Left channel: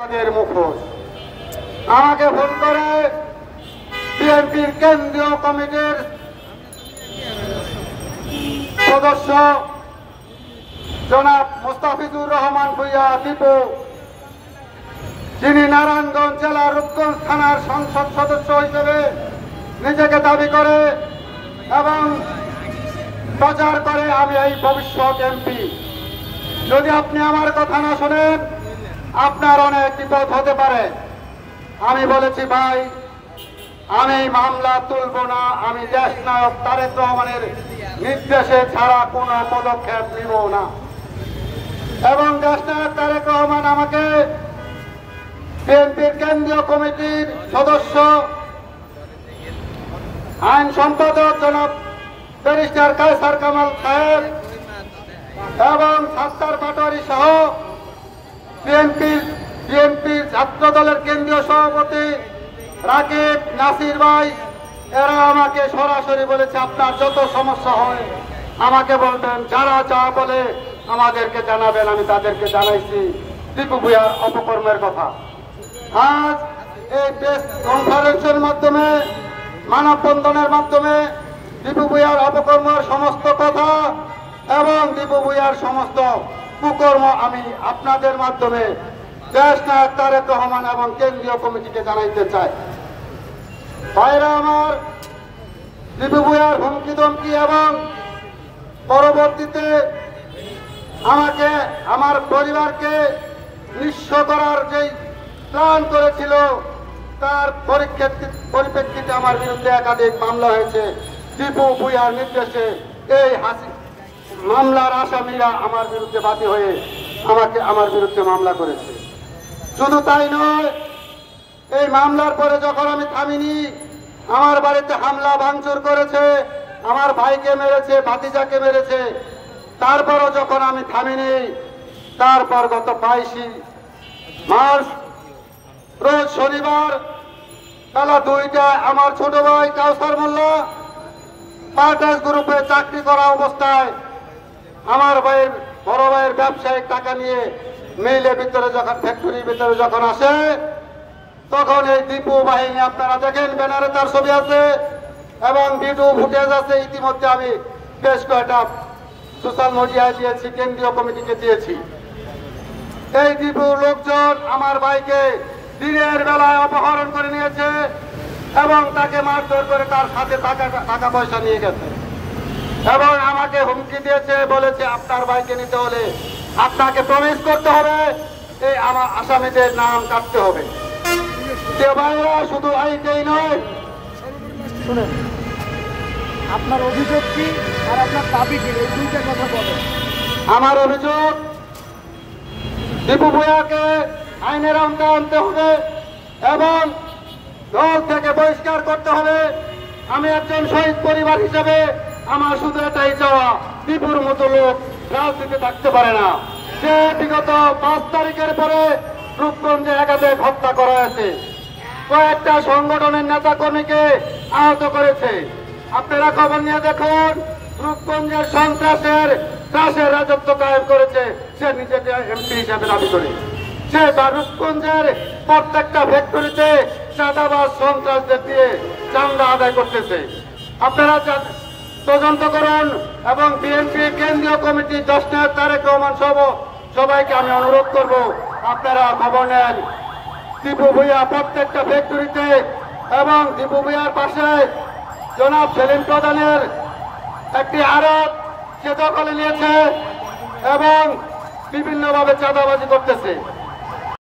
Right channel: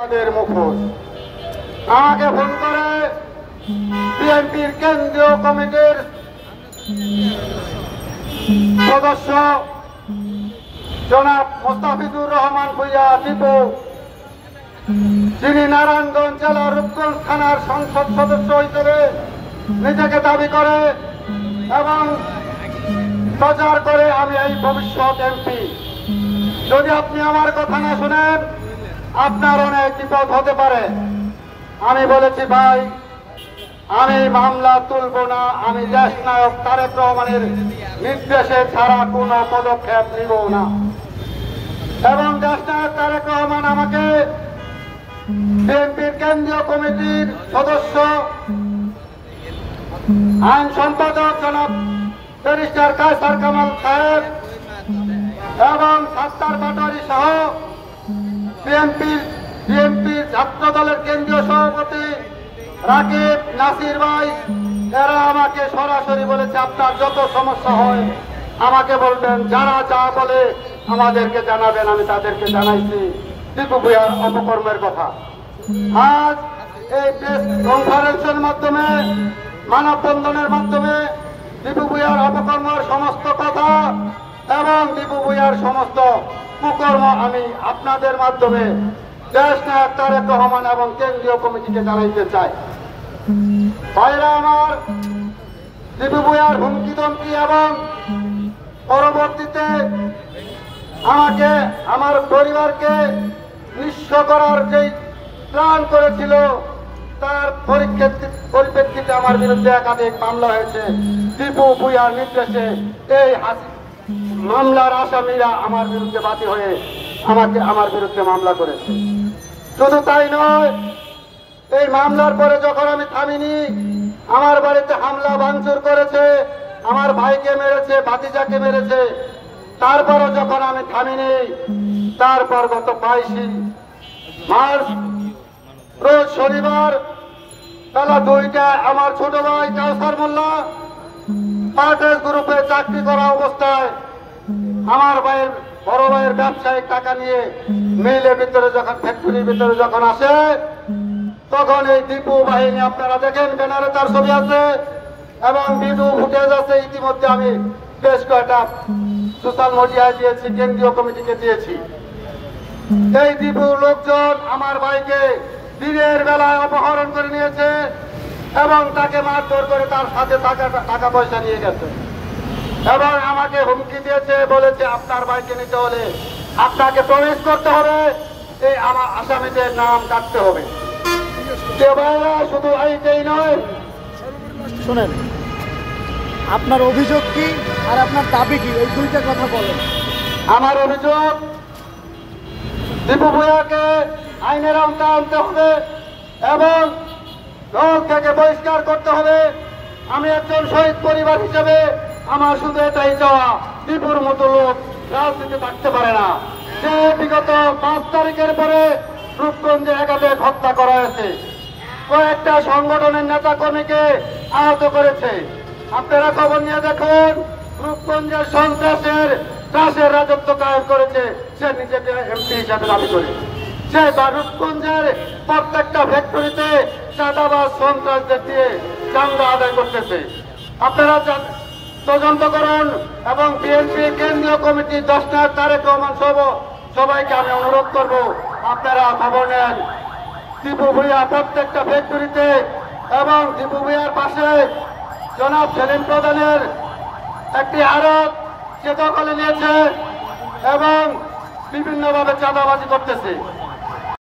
তাদের মুখোশ আমাকে ফোন করে বিএনপির কেন্দ্রীয় কমিটির সদস্য জনাব মোস্তাফিজুর রহমান ভূঁইয়া দীপু, যিনি নারায়ণগঞ্জ জেলার রূপগঞ্জ থানার সংসদ সদস্য হিসেবে নিজেকে দাবি করে এবং প্রচার করে আমি এই ভবিষ্যৎ এমপি। যদি আপনি আমার কথা না শোনেন আপনার অনেক বিপদ হতে পারে। আমি বলেছি ভাই, আমি মামলা তুলব না, আমি দেশ নায়ক তারেক রহমানের নির্দেশে ছাড়া কোনো পদক্ষেপ নিব না। এবং দেশ নায়ক তারেক রহমান আমাকে বিএনপির কেন্দ্রীয় কমিটির সদস্য আইন সম্পাদক জনাব ব্যারিস্টার কায়সার কামাল সাহেব এবং সাত্তার পাটোয়ারি সহ বিএনপির ছাত্র দলের কেন্দ্রীয় সভাপতি রাকিব নাসির ভাই, এরা আমাকে সরাসরি বলেছে আপনার যত সমস্যা হয় আমাকে বলবেন, যারা যা বলে আমাদেরকে জানাবেন। আমি তাদেরকে জানাইছি দীপু ভূঁইয়ার অপকর্মের কথা। আজ এই প্রেস কনফারেন্সের মাধ্যমে, মানববন্ধনের মাধ্যমে দীপু ভূঁইয়ার অপকর্মের সমস্ত কথা এবং দীপু ভূঁইয়ার সমস্ত কুকর্ম আমি আপনাদের মাধ্যমে দেশ নায়ক তারেক রহমান এবং কেন্দ্রীয় কমিটিকে জানাইতে চাই। ভাইরা আমার, দীপু ভূঁইয়ার হুমকি ধমকি এবং পরবর্তীতে আমাকে আমার পরিবারকে নিঃস্ব করার যেই প্ল্যান করেছিল তার পরিপ্রেক্ষিতে আমার বিরুদ্ধে একাধিক মামলা হয়েছে। দীপু ভূঁইয়ার নির্দেশে এই মামলার আসামিরা আমার বিরুদ্ধে বাদী হয়ে আমার বিরুদ্ধে মামলা করেছে। শুধু তাই নয়, এই মামলার পরে যখন আমি থামিনি, আমার বাড়িতে হামলা ভাঙচুর করেছে, আমার ভাইকে মেরেছে, ভাতিজাকে মেরেছে। তারপরও যখন আমি থামিনি, তারপর গত 22 মার্চ রোজ শনিবার বেলা 2টায় আমার ছোট ভাই কাউসার মোল্লা পার্টাস গ্রুপে চাকরি করা অবস্থায় আমার ভাইয়ের বড় ভাইয়ের ব্যবসায়িক টাকা নিয়ে মিলের ভিতরে যখন ফ্যাক্টরির ভিতরে যখন আসে, তখন এই দীপু বাহিনী, আপনারা দেখেন ব্যানারে তার ছবি আছে এবং ভিডিও ফুটেজ আছে। ইতিমধ্যে আমি বেশ কয়েকটা সোশ্যাল মিডিয়ায় দিয়েছি, কেন্দ্রীয় কমিটিকে দিয়েছি। এই দীপু লোকজন আমার ভাইকে দিনের বেলায় অপহরণ করে নিয়েছে এবং তাকে মারধর করে তার সাথে টাকা পয়সা নিয়ে গেছে এবং আমাকে হুমকি দিয়েছে, বলেছে আপনার ভাইকে নিতে হলে আপনাকে প্রমিস করতে হবে, এই আমার আসামিদের নাম কাটতে হবে। ভাইরা, শুধু এইটাই নয়, শুনেন আপনার অভিযোগ কি আর আপনার দাবি কি, এই দুইটা কথা বলেন। আমার অভিযোগ, দীপু ভূঁইয়াকে আইনের আওতায় আনতে হবে এবং দল থেকে বহিষ্কার করতে হবে। আমি একজন শহীদ পরিবার হিসেবে আমার শুধু এটাই চাওয়া, দীপুর মতো লোক রাজনীতি থাকতে পারে না। সে বিগত 5 তারিখের পরে রূপগঞ্জে একাধিক হত্যা করা হয়েছে, কয়েকটা সংগঠনের নেতা কর্মীকে আহত করেছে। আপনারা খবর নিয়ে দেখুন, রূপগঞ্জের সন্ত্রাসের ত্রাসের রাজত্ব কায়েম করেছে সে নিজেকে এমপি হিসাবে দাবি করে। সে রূপগঞ্জের প্রত্যেকটা ফ্যাক্টরিতে চাঁদাবাজ সন্ত্রাসদের দিয়ে চাঁদা আদায় করতেছে। আপনারা তদন্ত করুন এবং বিএনপি কেন্দ্রীয় কমিটি দেশ নায়ক তারেক রহমান সহ সবাইকে আমি অনুরোধ করব, আপনারা খবর নেন। দীপু ভূঁইয়া প্রত্যেকটা ফ্যাক্টরিতে এবং দীপু ভূঁইয়ার পাশে জনাব সেলিম প্রধানের একটি আড়ত সে দখলে নিয়েছে এবং বিভিন্নভাবে চাঁদাবাজি করতেছে।